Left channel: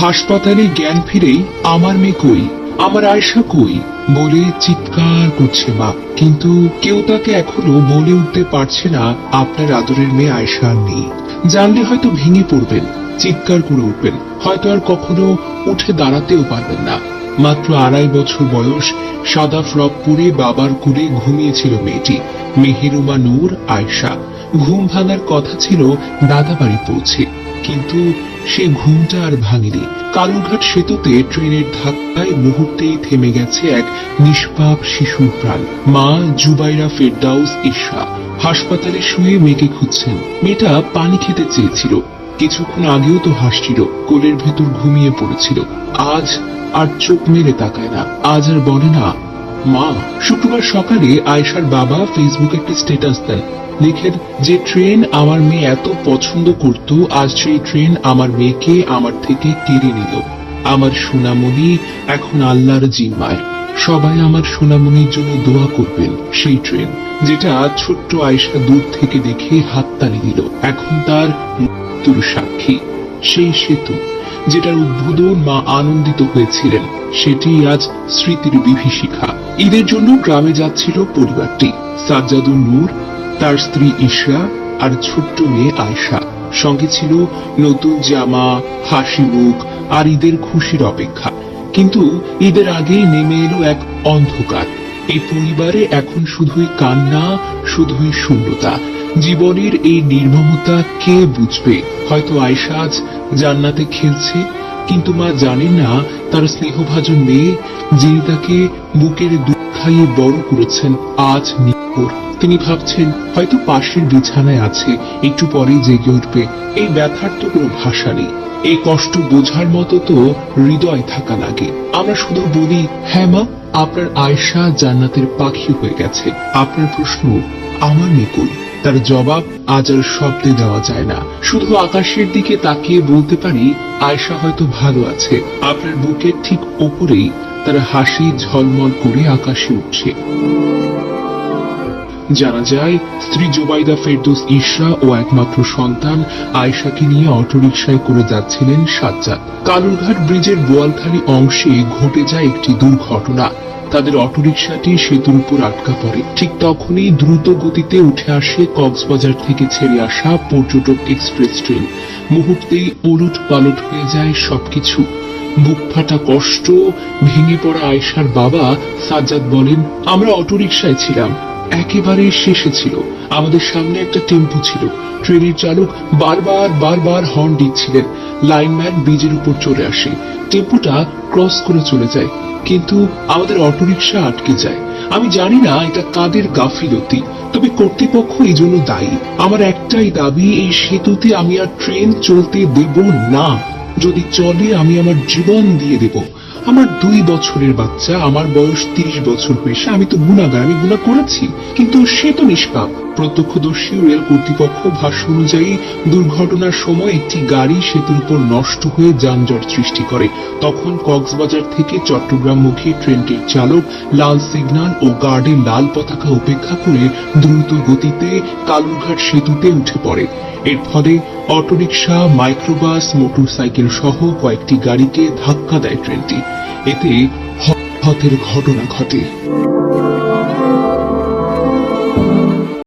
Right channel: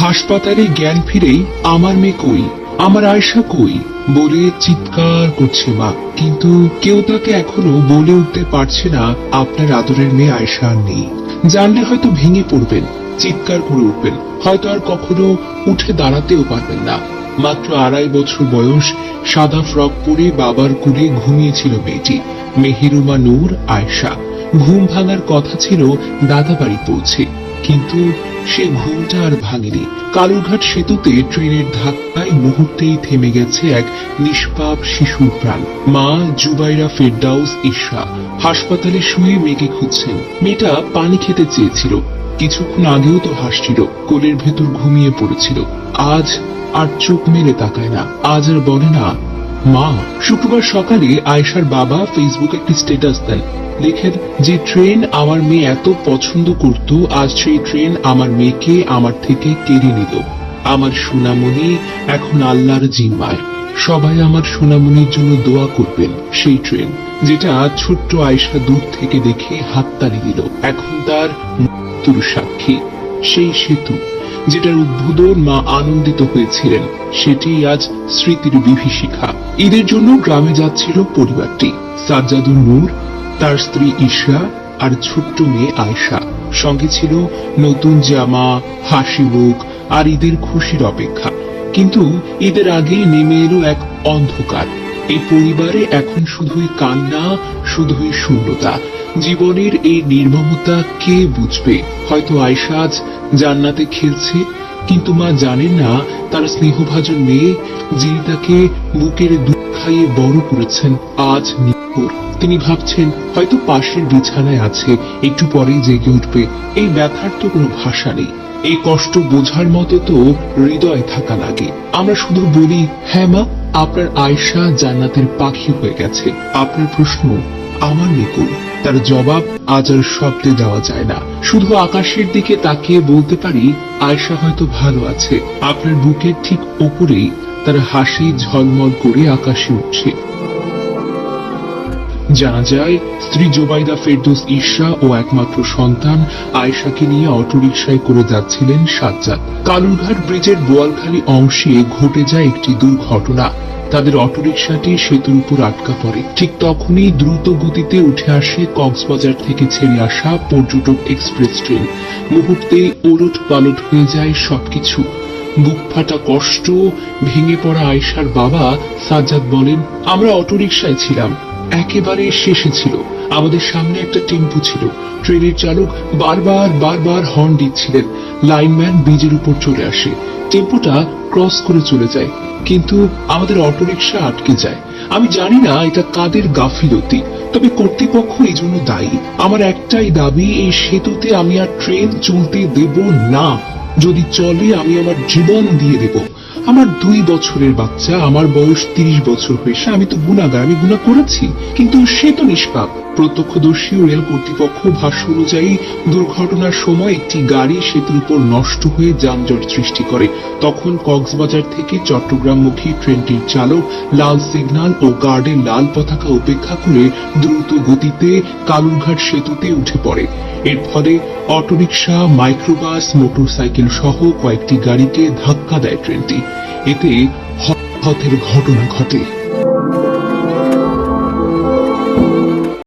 হাসপাতালে জ্ঞান ফিরেই আমার মেয়ে কই, আমার আয়শা কই বলে চিৎকার করছে মা, কিন্তু কেউ তাকে এখনো বলে উঠতে পারছে না আপনার আদরের মেয়ে আয়শা আর নেই। জানলে হয়তো ভেঙে পড়বেন, চিৎকার করে উঠবেন, হয়তো আর কখনো উঠে দাঁড়াতেও পারবেন না। মাত্র 2.5 বছর বয়স, সাদা ফ্রক পরে বাবার কোলে ঘুমিয়েছিল মেয়েটি, মেহেরুবা নূর আয়শা। ঘুম ভাঙার কথা ছিল দাদা বাড়ি পৌঁছে, কিন্তু সে ঘুমটা আর ভাঙেনি। কালুরঘাট সেতুতে ট্রেনের ধাক্কায় মুহূর্তেই থেমে গেছে এক নিষ্পাপ শিশুর প্রাণ। মা জুবাইরা ফেরদাউস ইশা হাসপাতালে শুয়ে মেয়েকে খুঁজছেন। মেয়েটা পানি খেতে চেয়েছিল, কিছুক্ষণ আগেও তো হাসছিল, কোলের ভেতর ঘুমিয়ে পড়েছিল। আজ আর চোখ মেলে তাকায় না, আজ আর বলে না মা। শুক্রবার সকালে আয়েশার বাবা ফেসবুকে একটি স্ট্যাটাস দেন, লিখেন যে ট্রেন আমার মেয়ে এত পছন্দ করত, আজ সেই ট্রেন আমার মেয়েকে আমার থেকে কেড়ে নিল। আমার সোনামণি এখন আল্লাহর জিম্মায়, সবাই আমার সোনামণির জন্য দোয়া করবেন। সেই ট্রেন যেটা ছোট্ট আয়েশা দূর থেকে দেখে হাততালি দিল, এখন তার মৃত্যুর সাক্ষী। সেই সেতু যেটার উদ্বোধন মা আনন্দিত হয়েছিলেন, সেটি আজ স্মৃতির বিভীষিকা। ঈদের জন্য গ্রামে যাচ্ছিল পরিবারটি। সাজ্জাদুন নূর, তার স্ত্রী ইশরা আর ছোট্ট মেয়ে আয়শা। সঙ্গে ছিল নতুন জামা, হাসি মুখ আর ঈদের খুশির অপেক্ষা। কিন্তু ঈদের আগে নেমে এলো এক অন্ধকার। এই পরিবারে এখন শুধুই কান্না, শুধুই শূন্যতা। জীবনের এই নির্মমতা কে বুঝবে? হয়তো আয়শা আজ জান্নাতে খেলছে, কিন্তু মা জানেন না তার স্নেহভাজন মেয়ে, যিনি তাকে বুকের দুধ খাইয়ে বড় করেছেন, আজ নিপুর। তিনি ভাবছেন হয়তো পাশের বিছানায় আছে, একটু পরেই জেগে উঠবে। এই ব্যথার তো কোনো ভাষা নেই। এই কষ্ট বোঝার মতো তো হৃদয় থাকা লাগে। আমরা শুধু বলি হ্যাঁ মা, আপনার আয়শা জান্নাতের পাখি হয়ে গেছে। আপনার প্রশ্ন আমার নিকুল, তার জবাব আজ আর শব্দে দেওয়া যায় না। শুধু আকাশের দিকে তাকিয়ে বলতে পারি আয়শা হয়তো ভালো আছে। আপনার বুকের ঠিক ওপরেই তার হাসি ঝলমল করে আকাশে উঠছে। জানা যায় স্ত্রী জুবাইদা ফেরদৌস ইশা ও একমাত্র সন্তান আয়েশাকে নিয়ে অটোরিকশায় করে যাচ্ছিলেন সাজ্জাদ। কালুরঘাট ব্রিজের বোয়ালখালী অংশে ঘটে যায় একটি দুর্ঘটনা। তাদের অটোরিকশাটি সেতুর উপর আটকা পড়ে। ঠিক তখনই দ্রুত গতিতে উঠে আসে কক্সবাজার থেকে ছেড়ে আসা পর্যটক এক্সপ্রেস ট্রেন। মুহূর্তেই উলট পালট হয়ে যায় সবকিছু। বুক ফাটা কষ্ট, ভেঙে পড়া আয়েশার বাবা সাজ্জাদ বলেন, আমরা অটোরিকশায় ছিলাম, একেবারে শেষে ছিল। আমাদের সামনে একটা টেম্পো ছিল। ট্রেনের চালক বারবার হর্ন দিচ্ছিলেন। লাইনম্যান ব্রিজের উপর চলে আসে, টেম্পোটা ক্রস করে চলে যায়, কিন্তু আমাদের অটোরিকশা আটকে যায়। আমি জানি না এটা কাদের গাফিলতি, তবে কর্তৃপক্ষ এই জন্য দায়ী। আমার একটাই দাবি, এই সেতুতে আমি আর ট্রেন চলতে দেব না। যদি চলে আমি আমার জীবন দিয়ে দেব। আমার 2 বছরের বাচ্চা, আমার বয়স 30 বছর হয়েছে। আমি তো গুনাহগার, আমি গুনাহ করেছি, কিন্তু সে তো নিষ্পাপ। প্রত্যক্ষদর্শী রেল কর্তৃপক্ষ ভাষ্য অনুযায়ী দুর্ঘটনার সময় একটি গাড়ি সেতুর উপর নষ্ট হয়ে যানজট সৃষ্টি করে। তখন কক্সবাজার থেকে চট্টগ্রামমুখী ট্রেনটির চালক লাল সিগন্যাল ও গার্ডের লাল পতাকা উপেক্ষা করে দ্রুত গতিতে কালুরঘাট সেতুতে উঠে পড়ে। এর ফলে অটোরিকশা, মাইক্রোবাস, মোটরসাইকেল সহ কয়েকটি গাড়িকে ধাক্কা দেয় ট্রেনটি। এতে হতাহতের ঘটনা ঘটে।